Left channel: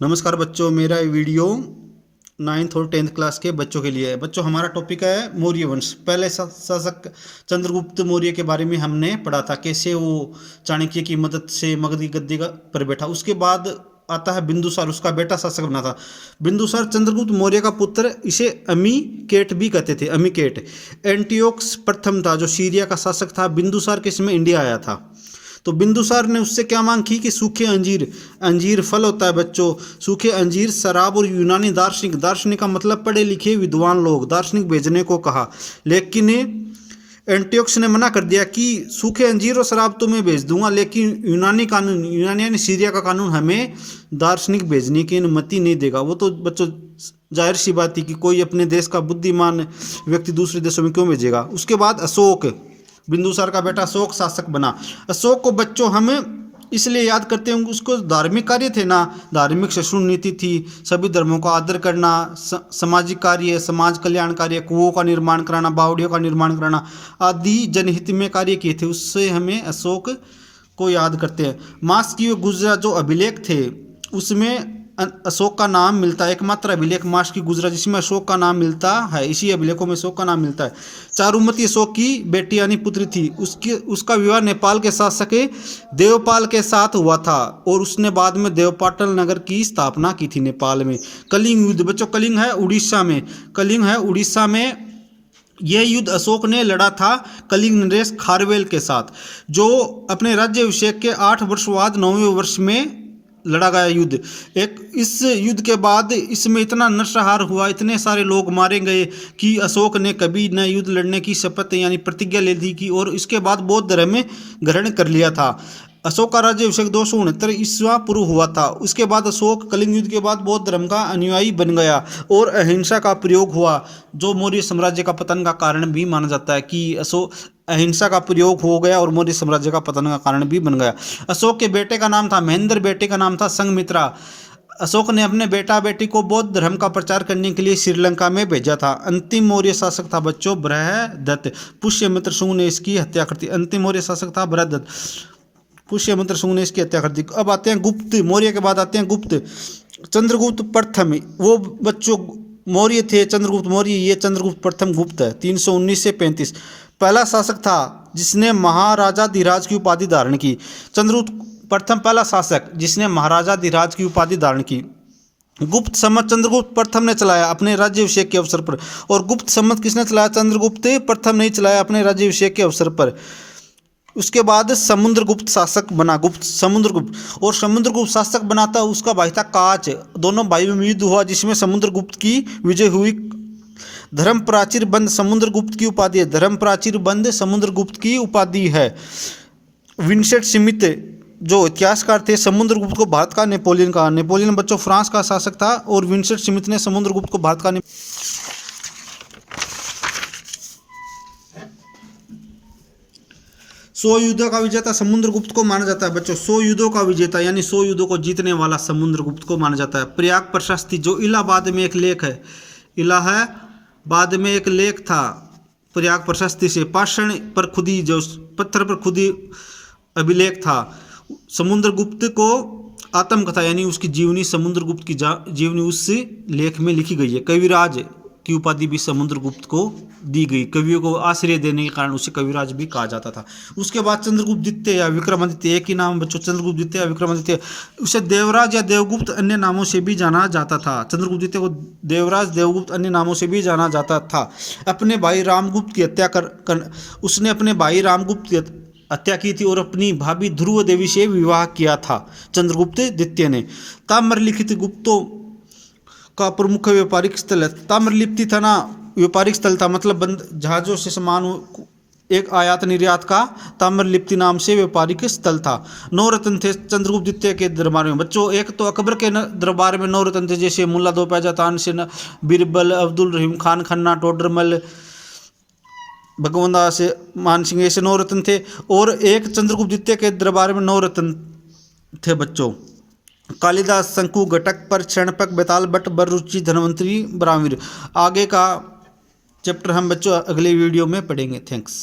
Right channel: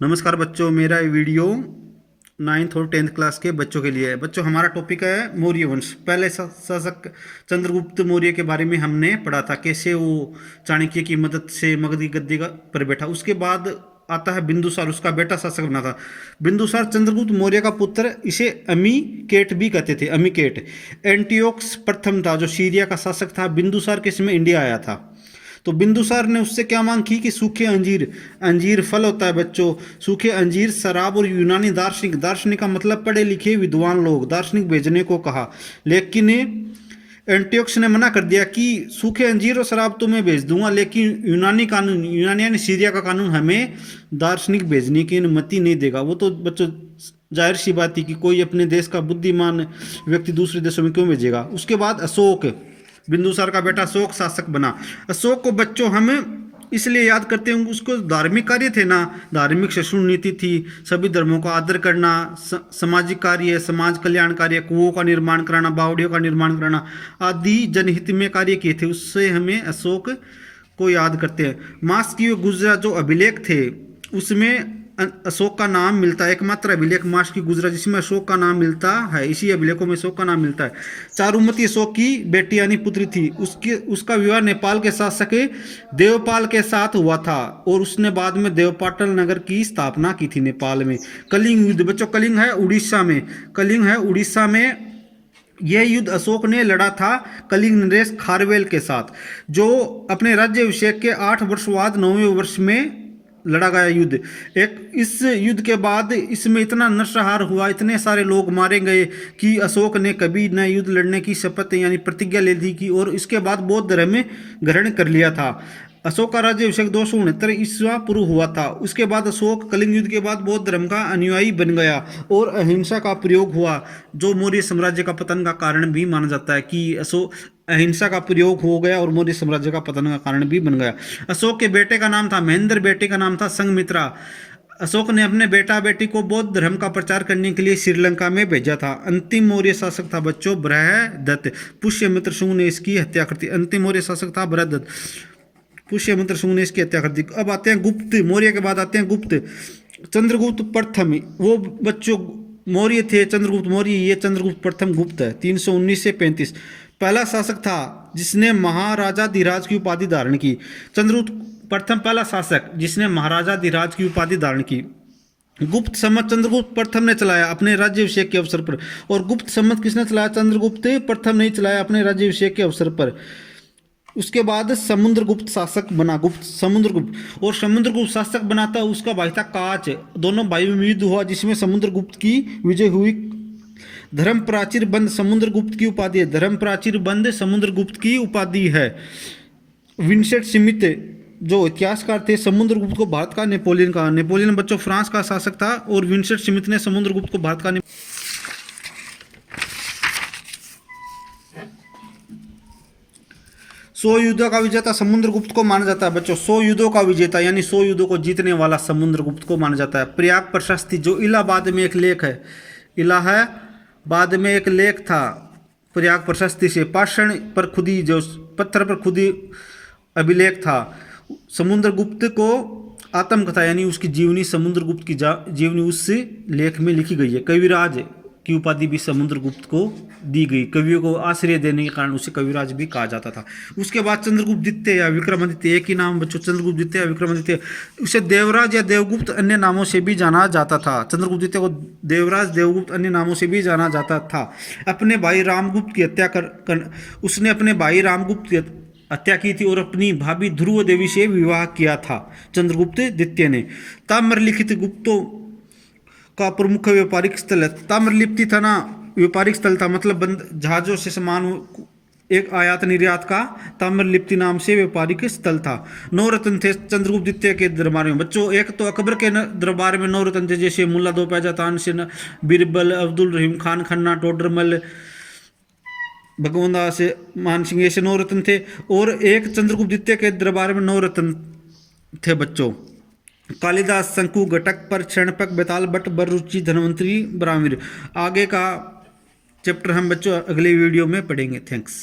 नमस्कार बच्चों, मेरा ये वीडियो 9th और 10th क्लास के बच्चों के लिए है। बच्चों, हमारा टॉपिक है मौर्य वंश। पहले शासक चंद्रगुप्त मौर्य के बारे में हमने पढ़ा था, कैसे वो चाणक्य की मदद से मगध की गद्दी पर बैठा। उसके बाद आता है बिंदुसार, उसका बेटा शासक बना था। बिंदुसार चंद्रगुप्त मौर्य का पुत्र, इसे अमीकेट भी कहते थे। अमीकेट एंटियोक्स प्रथम था जो सीरिया का शासक था। बिंदुसार के समय इंडिया आया था। तो बिंदुसार ने उससे क्या मांग की कि सूखे अंजीर, अंजीर फल होता है बच्चों, सूखे अंजीर, शराब और यूनानी दार्शनिक, दार्शनिक का मतलब पढ़े लिखे विद्वान लोग, दार्शनिक भेजने को कहा। लेकिन एंटियोक्स ने मना कर दिया कि सूखे अंजीर और शराब तो मैं भेज दूंगा, लेकिन यूनानी कानून, यूनानी यानी सीरिया का कानून, हमें दार्शनिक भेजने की अनुमति नहीं देगा। वो तो बच्चों जाहिर सी बात थी कि कोई अपने देश का बुद्धिमान व्यक्ति दूसरे देशों में क्यों भेजेगा। उसके बाद अशोक, बिंदुसार का बेटा अशोक शासक बना। अशोक को बच्चों हम इसलिए याद करते हैं, उसको धार्मिक कार्य थे ना, धार्मिक सहिष्णु नीति थी, सभी धर्मों का आदर करना, सामाजिक कार्य, समाज कल्याण कार्य, कुओं का निर्माण कराना, बावड़ियों का निर्माण कराना आदि जनहित में कार्य किए थे। उससे हमें अशोक को याद करते हैं। मास्की गुजरा जो अभिलेख थे उसमें अशोक का नाम मिलता है। एकमात्र अभिलेख मास की गुजरा जिसमें अशोक का नाम मिलता है, इसी अभिलेखों में अशोक का नाम मिलता है। चारुमती अशोक की बेटी यानी पुत्री थी। उसका विवाह नेपाल के शासक देवपाल के साथ हुआ था और उसने बाद में देवपाटन नगर की स्थापना की थी नेपाल में। कलिंग युद्ध बच्चों, कलिंग है उड़ीसा में, कलिंग है उड़ीसा में। यह युद्ध अशोक ने लड़ा था कलिंग नरेश खारवेल के साथ, जो अपने राज्याभिषेक के 8 वर्ष बाद 9वें वर्ष में लड़ा गया युद्ध। इस युद्ध के बाद इसमें इतना नरसंहार हुआ, इतने सारे लोग मारे गए कि अशोक ने कभी न युद्ध लड़ने की शपथ यानी प्रतिज्ञा ले ली की और इसके बाद बौद्ध धर्म में ग्रहण कर लिया था। अशोक का राज्याभिषेक 269 ईस्वा पूर्व हुआ था। उसके बाद अशोक कलिंग युद्ध के बाद बौद्ध धर्म का अनुयायी बन गया और अहिंसा का प्रयोग हुआ, जो मौर्य साम्राज्य का पतन का कारण भी माना जाता है कि अशोक अहिंसा का प्रयोग हो गया और मौर्य साम्राज्य का पतन का कारण भी बन गया। अशोक के बेटे का नाम था महेंद्र, बेटे का नाम था संघमित्रा। अशोक ने अपने बेटा बेटी को बौद्ध धर्म का प्रचार करने के लिए श्रीलंका में भेजा था। अंतिम मौर्य शासक था बच्चों बृहदत्त। पुष्यमित्र शुंग ने इसकी हत्या कर दी। अंतिम मौर्य शासक था बृहदत्त, पुष्यमित्र शुंग ने इसकी हत्या कर दी। अब आते हैं गुप्त, मौर्य के बाद आते हैं गुप्त। चंद्रगुप्त प्रथम, वो बच्चों मौर्य थे चंद्रगुप्त मौर्य, ये चंद्रगुप्त प्रथम गुप्त है। 319 से 35 पहला शासक था जिसने महाराजाधिराज की उपाधि धारण की। चंद्रगुप्त प्रथम पहला शासक जिसने महाराजाधिराज की उपाधि धारण की। गुप्त संवत चंद्रगुप्त प्रथम ने चलाया अपने राज्याभिषेक के अवसर पर, और गुप्त संवत किसने चलाया? चंद्रगुप्त प्रथम ने चलाया अपने राज्याभिषेक के अवसर पर। उसके बाद समुद्रगुप्त शासक बना, गुप्त समुद्रगुप्त, और समुद्रगुप्त शासक बनाता उसका भाई था काच। दोनों भाइयों में युद्ध हुआ जिसमें समुद्रगुप्त की विजय हुई। धर्म प्राचीर बंद समुद्रगुप्त की उपाधि है, धर्म प्राचीर बंद समुद्रगुप्त की उपाधि है। विंसेंट स्मिथ जो इतिहासकार थे, समुद्रगुप्त को भारत का नेपोलियन कहा। नेपोलियन बच्चों फ्रांस का शासक था और विंसेंट स्मिथ ने समुद्रगुप्त को भारत का 100 युद्धों का विजेता समुद्रगुप्त को माना जाता है बच्चों। 100 युद्धों का विजेता यानी 100 युद्धों को जीतने वाला समुद्रगुप्त को माना जाता है। प्रयाग प्रशस्ति जो इलाहाबाद में एक लेख है, इलाहाबाद में एक लेख था प्रयाग प्रशस्ति से, पाषाण पर खुदी, जो पत्थर पर खुदी अभिलेख था। समुद्रगुप्त को आत्मकथा यानी उसकी जीवनी, समुद्रगुप्त की जीवनी उस लेख में लिखी गई है। कविराज की उपाधि भी समुद्रगुप्त को दी गई, कवियों को आश्रय देने के कारण उसे कविराज भी कहा जाता था। उसके बाद चंद्रगुप्त द्वितीय या विक्रमादित्य, एक ही नाम बच्चों, चंद्रगुप्त द्वितीय या विक्रमादित्य। उसे देवराज या देवगुप्त अन्य नामों से भी जाना जाता था। चंद्रगुप्त द्वितीय को देवराज, देवगुप्त अन्य नामों से भी जाना जाता था। अपने भाई रामगुप्त की हत्या उसने अपने भाई रामगुप्त की हत्या की थी और अपनी भाभी ध्रुव देवी से विवाह किया था चंद्रगुप्त द्वितीय ने। ताम्रलिखित गुप्तों का प्रमुख व्यापारिक स्थल है। ताम्रलिप्ति था ना, व्यापारिक स्थल था, मतलब जहाजों से सामान एक आयात निर्यात का ताम्रलिप्ति नाम से व्यापारिक स्थल था। 9 रत्न थे चंद्रगुप्त द्वितीय के दरबार में बच्चों। एक तो अकबर के दरबार में 9 रत्न थे, जैसे मुल्ला दो पैजा, तानसेन, बीरबल, अब्दुल रहीम खान, खन्ना, टोडरमल, भगवंदा से मान सिंह, ऐसे 9 रत्न थे। और एक चंद्रगुप्त द्वितीय के दरबार में 9 रत्न थे बच्चों। कालिदास, शंकु, घटक पर, क्षणपक, बेताल भट्ट, बररुचि, धन्वंतरी, ब्राह्मवीर। आगे का चैप्टर हम बच्चों अगले वीडियो में पढ़ेंगे। थैंक्स।